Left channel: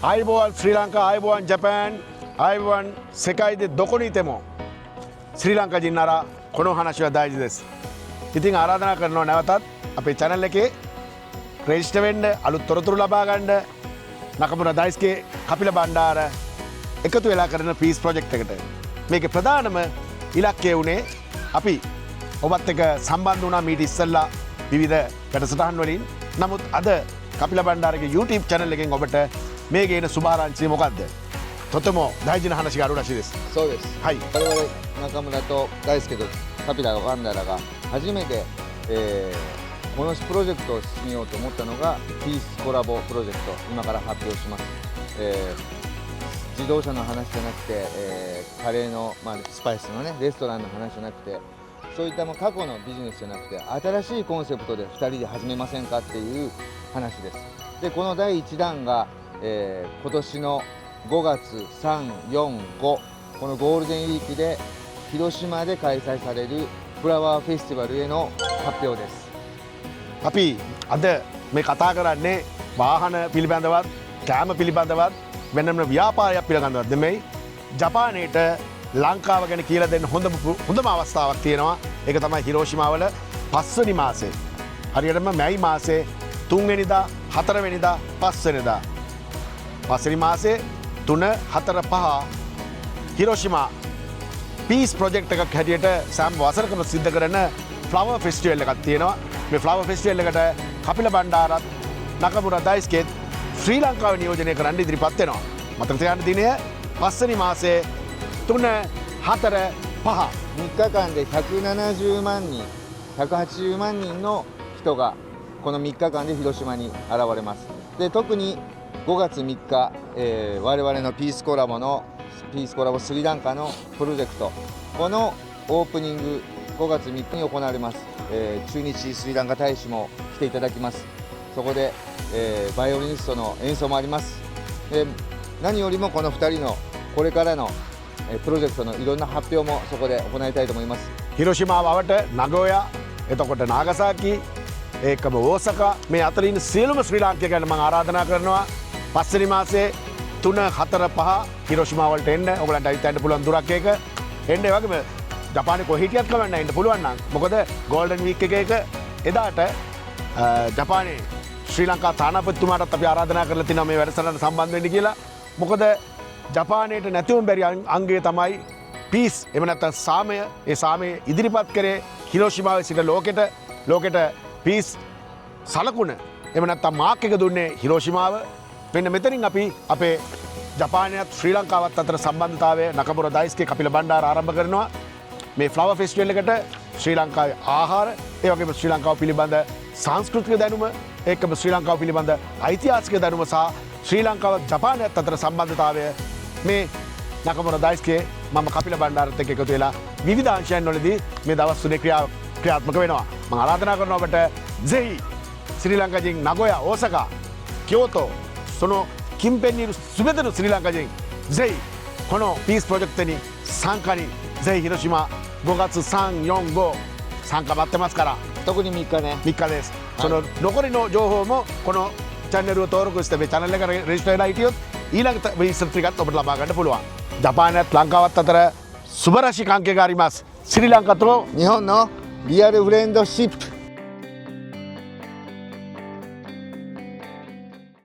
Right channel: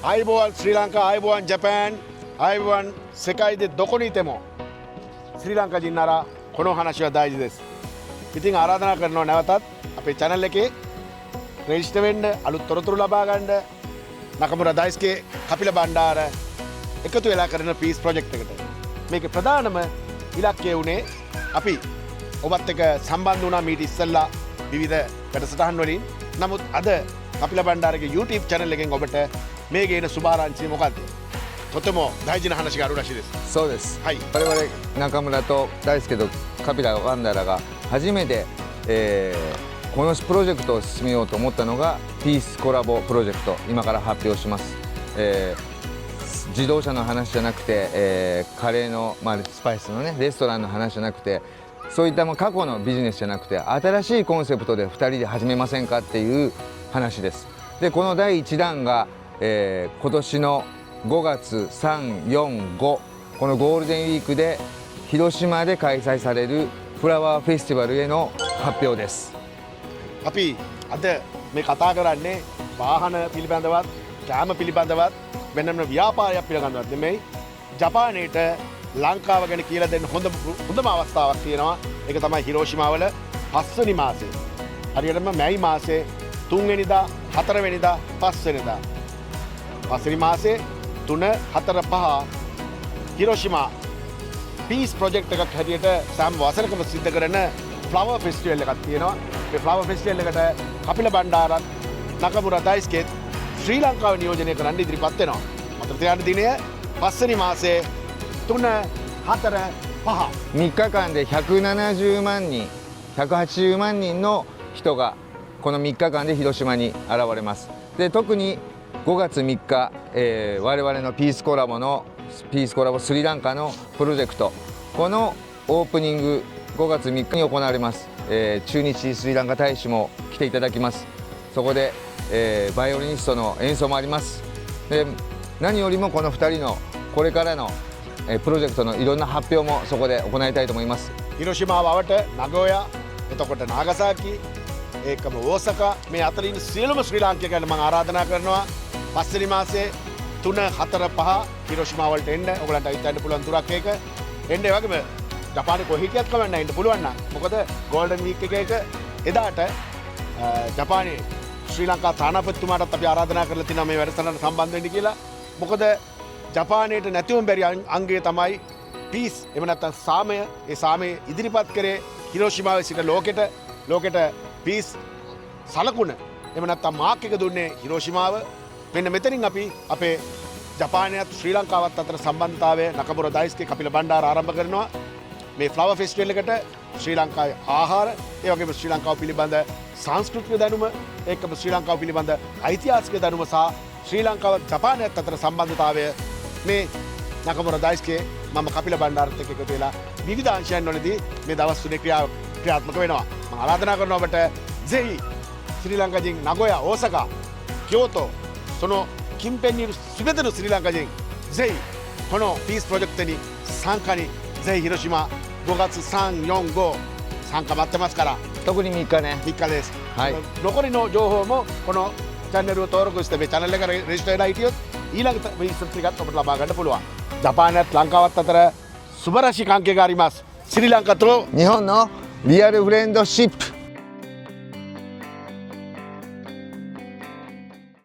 Ayubowan Sri Lanka Ayubowan Japan Ayubowan सेकाई दे दोकोनीतेमो श्रीलंका जिन्नारा कोनो हानाशी वा दाइजी देसु. ඉතින් ආරාධනා කරනවා නැවතත් අපේ channel එකේ register වෙන්න අලුත් තොරතුරු ලබා ගන්න නකමුරා දායිස්ගේ කපිල බණ්ඩාර එකතු වෙලා කරන peace project එකට. මේකේ ප්‍රධානම ඉලක්කය උනේ අපි ඔබත් එක්ක සම්බන්ධ වුණා මීට ඉස්සෙල්ලා විවිධ වැඩසටහන් වලින්. නමුත් අද කපිල බණ්ඩාරගේ YouTube channel එකෙන් ඔබට මේ ගේන සුභාරංචිය මොකද්ද? තොතමෝ දායිජින話があるらしいです。そうです。はい。我々中村と大輔とカピラのバンダラが初めて、このプロジェクトを進めようと思ったのがピースコラボプロジェクト、今から発表します。自動車の話じゃなくて、カレーの、スパイスのねレストランの話じゃなくて、そういったもう過去のビジネスじゃなくて新しいコンセプトで2人で始めませんかっていう話です。でこの第1弾が、今年の5月3、4、5このゴールデンウィークで広島で開催されるフラワーフェスティバルへの発表です。අපි අද මේ කතා කරන්නේ වාහන පිළිබඳවත් කෑම පිළිබඳවත් වෙනම ව්‍යාපාරයක් පිළිබඳවත් නෙමෙයි. ජපානයේට ලංකාව ගැන කියලා දෙන්න හොඳම අවස්ථාවක් තියෙනවා. ඒක තමයි හිරෝෂිමාවල 5 වෙනි මාසේ. හරියටම මැයි මාසේ 3 වෙනිදා 4 වෙනිදා 5 වෙනිදා 5 වෙනි මාසේ 3, 4, 5 හිරෝෂිමා පීස් ප්‍රොජෙක්ට් එකක් හැටියට සෑම වසරකම සිද්ධ කරන ෆ්ලවර් ෆෙස්ටිවල් එකක් තියෙනවා. මේ ෆ්ලවර් ෆෙස්ටිවල් එකට කපිල බණ්ඩාරත් නකමුරා දායිස්කේත් ශ්‍රී ලංකාව නියෝජනය කරන්න ඉදිරිපත් වෙනවා. මතක තියාගන්න දිනය 5 වෙනි මාසේ 3, 4, 5 3日間で170万人180万人の人がこの3日間で広島に現れます。で特に5月3日、我々のピースコラボスリランカのプロジェクト、このオープニング5月3日に行われます。駐日スリランカ大使も来ていただきます。そこで、バイオリニストの演奏もあります。で何よりもこの2人のこれからの、プロジェクトのいろんな発表もそこで行いたいと思います。広島වට නගෝයා එතකොට නාගසාකි ඒකම ඕසකා මේ අතර ඉන්න සියලුම ශ්‍රී ලාංකිකයන් මම ආරාධනා කරනවා 5 වෙනි මාසේ 3, 4, 5 හිරෝෂිමා වලට එන්න. ඔයගලන්ට හිතන්න පුළුවන් දුරක් ඒක. එන්න ඒ වගේම ජපානයේ කොහේ හිටියත් කවන්න එන්න පුළුවන් නම්. මොකද ගෝල්ඩන් වීක් එකේක එදාට ජපානයේ ශ්‍රී ලංකා තානාපතිතුමාටත් අපි ආරාධනා කරලා තිනවා මේ වැඩසටහනට සම්බන්ධ වෙන්න කියලා. මොකද ජපානයට නැතිවම බැරි අංගය තමයි පීස්. එහෙම නැත්නම් සාමය. ඒ සාමය ඉදිරිපත් කරේ හිරෝෂිමාවේ සිට ලෝකෙට පීස් සලකුණ. එහෙම නැත්නම් මාක් එක දුන්නේ හිරෝෂිමාව. මෙන්න මෙතනින් අපි අපේ ජපානයත් ශ්‍රී ලංකාවත් අතර සම්බන්ධතාවය නකමුරා දායිස්ගේ කපිල බණ්ඩාර ආරම්භ කරනවා. මේ ෆ්ලවර් ෆෙස්ටිවල් එකට ශ්‍රී ලංකාවේ ආහාර, ඒ වගේම ශ්‍රී ලංකාව පිළිබඳ සංස්කෘතික දැනුම, ඒකම ශ්‍රී ලංකාව පිළිබඳ ඓතිහාසික දැනුම සහ ශ්‍රී ලංකාවත් ජපානයත් අතර සම්බන්ධතාවය මේ නකමුරා දායිස්ගේ මම කපිල බණ්ඩාරත් එක්ක එකතු වෙලා විවිධ අංශයන් වලදී මේ දවස් තුනේ ක්‍රියාත්මක වෙනවා. මම ආරාධනා කරනවා ඔබට ජෙයි ශ්‍රී ලංකාවෙන් නගෝයා, ඕසකා, කියෝතෝ その近辺にいる全てのスリランカ人ぜひこのピースプロジェクトに参加にぜひ広島5月3、4、5参加待ってますから。特に3日ね。3日です。はい、その残りの情報もこのチャンネルを登録してチャンネルඑක රෙජිස්ටර් වෙලා හිටියොත් ඊළඟ විස්තර ටිකත් ඔබට ලබා ගන්න පුළුවන්. ජපානයත් ලංකාවත් අතර සුබරශි関係があります。スリランカと日本のリアルフレンドシップ